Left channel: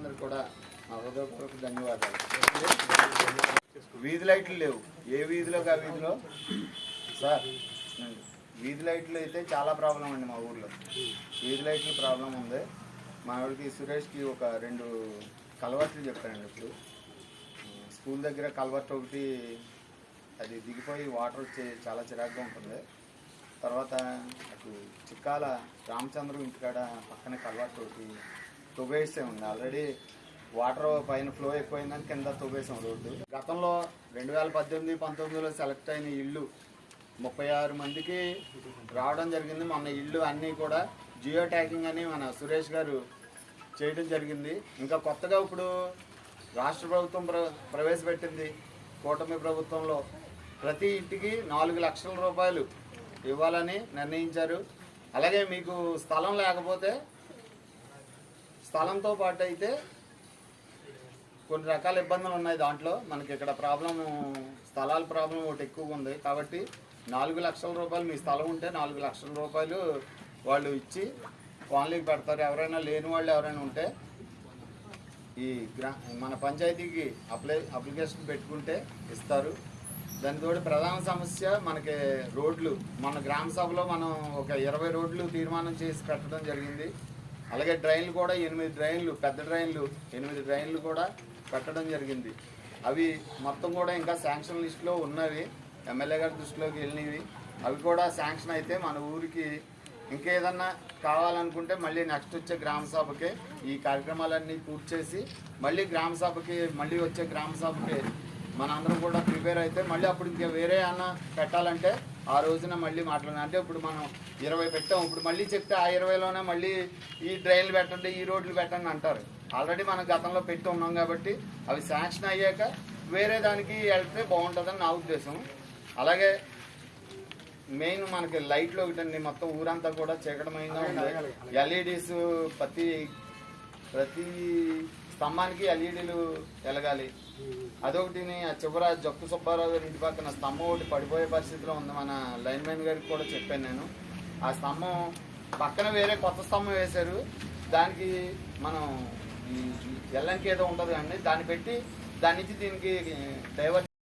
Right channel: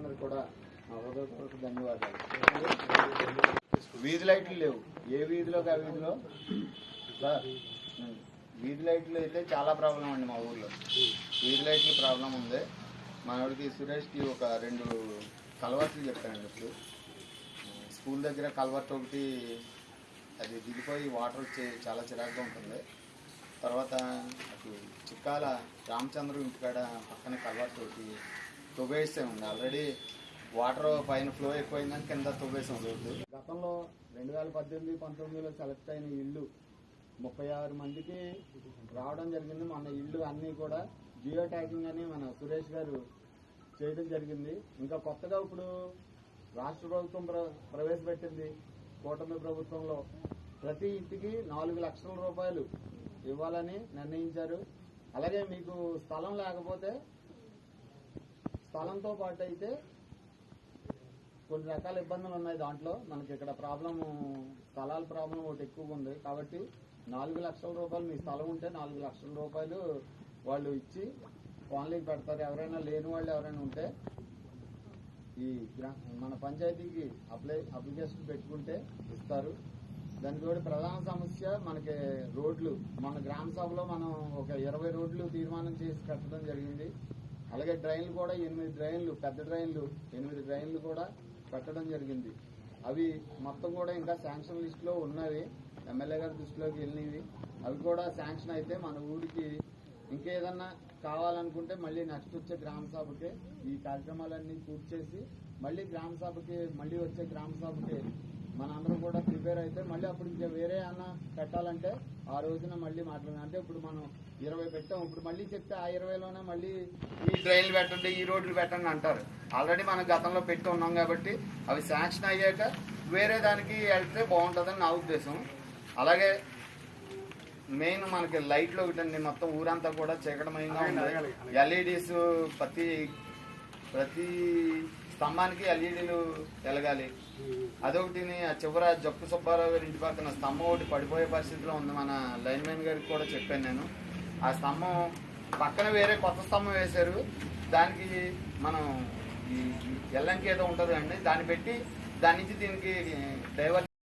అందరు కూడా మా హృదయపూర్వక ధన్యవాదాలు. వీధి లైట్లు లేవు, ఏ వీధిలోకి ఆ వీధిలో సార్ వీధి లైట్లు అయితే చాలా ప్రాబ్లం అండి. మా ఊర్లో వీధి లైట్లు ప్రాబ్లం ఉంది. మా వాడికి సురేష్కి ఒక 2 కలవర్ట్లు చెప్పానండి. ఇప్పుడు స్కూల్ దగ్గర కలవర్ట్ ఒకటి అది దిగిపోయి వాటర్ వచ్చి చాలా చిరాకుగా ఉంటుంది. తర్వాత అటు చిక్కాల రామచంద్ర ఇంటికాడ పక్కనే కలవర్ట్ ఒకటి తవ్వేసే ఉంది. ఆల్రెడీ వాటర్ పైన ఫ్లో ఎక్కువైందని కింద తవ్వేసాం రోడ్డు. గతంలో 2018-19లో సెలెక్ట్ అయిన ఇళ్ళు 36 మందికి రావడం జరిగింది. మొన్న ఇళ్ళు అన్నీ కూడా జియో ట్యాగింగ్ అని మన సురేష్ గారు చేయడం జరిగింది. ఇంకా కొత్తగా ఇప్పుడు రాష్ట్ర ప్రభుత్వం ప్రవేశపెట్టింది. కూటమి ప్రభుత్వంలో ప్రతి ఇంటికి 4 లక్షల రూపాయలు ఇవ్వాలని నిర్ణయించారు. అలాగే మీకు స్థలం లేకపోతే స్థలంతో పాటు అయితే కొన్ని రకాల ఇబ్బందులు ఉన్నాయి. దాంట్లో మనకి ఇక్కడ స్థలాల ప్రాబ్లం ఒకటి ఎక్కువగా ఉంది. కాబట్టి 4 లక్షల రూపాయలు మీ స్థలం ఉంటే 4 లక్షల రూపాయలు వాళ్ళు ఇచ్చి కాలనీకి పెడతారు. ఎవరైనా లేని వాళ్ళు ఎవరైనా ఉంటే ఈ మన పంచాయతీకి అప్లికేషన్ పెట్టుకుంటే ఇస్తారు. దానితోటి ప్రధాన సమస్య మనకి రోడ్లు. మన గ్రామ సభలో మనం ఒక 20 రోడ్లు తీర్మానం చేసి పెట్టడం జరిగింది. అలాగే డ్రైన్లు కూడా 8 డ్రైన్లు, పెద్ద డ్రైన్లు 8 డ్రైన్లు కూడా పెట్టడం జరిగింది. అవి మొత్తం కూడా ఇంకా శాంక్షన్ లిస్టులో ఉన్నవి, ఎమ్మెల్యే గారి దృష్టిలోకి వెళ్ళినవి. అవి కూడా శాంక్షన్ అయితే మన ఊరికి ఇంకేదన్నా కావాలనుకుంటే మళ్ళీ నెక్స్ట్ వచ్చే గ్రామ సభకి ఈ కార్యక్రమాలన్నీ పూర్తి చేసి మళ్ళీ వచ్చే గ్రామ సభకి మనందరం కూడా ప్రిపేర్ అయితే మళ్ళీ అప్పుడు ఇంకా వేరే అన్న పెట్టాలంటే ఆ రోజున మళ్ళీ మాట్లాడాలి. అంటే ఇప్పుడు మనం 20 పెట్టాం, ఇప్పుడు మళ్ళీ చెప్తే ఆ 20లోనే మళ్ళీ ఈ డ్రైన్లు పెట్టండి, ఈ రోడ్లు పెట్టండి అంటారు. ఆల్రెడీ మనం గతంలో పెట్టి ఉన్నాం కాబట్టి అవి శాంక్షన్ అయ్యాక వేరే దానికి వెళ్తే బాగుంటుందని నా ఉద్దేశం. అలాగే మెయిన్ మనకి లైట్లు ఒకటండి, మొత్తం ఊరంతా కూడా చీకటమయంగా ఉంది. ఎల్ఈడీస్ ప్రతి స్తంభానికి ఎల్ఈడీలు వెలగాలి. అదొకటి. చివర జక్కు సుబ్బారావు గారి ఇంటి పక్కన స్తంభం ఒకటి పడిపోయే పరిస్థితిలో ఉంది. మన లైన్మెన్ గారికి కూడా చెప్పాను నేను. ఆ స్తంభం పక్కన వేరే కొత్త స్తంభం వేశారు. దానికి మనం ఈ ఎల్లంకి ఏదో ఉంటుంది అండి, దాన్ని పెట్టి దాని నుంచి దీనికి డైవర్ట్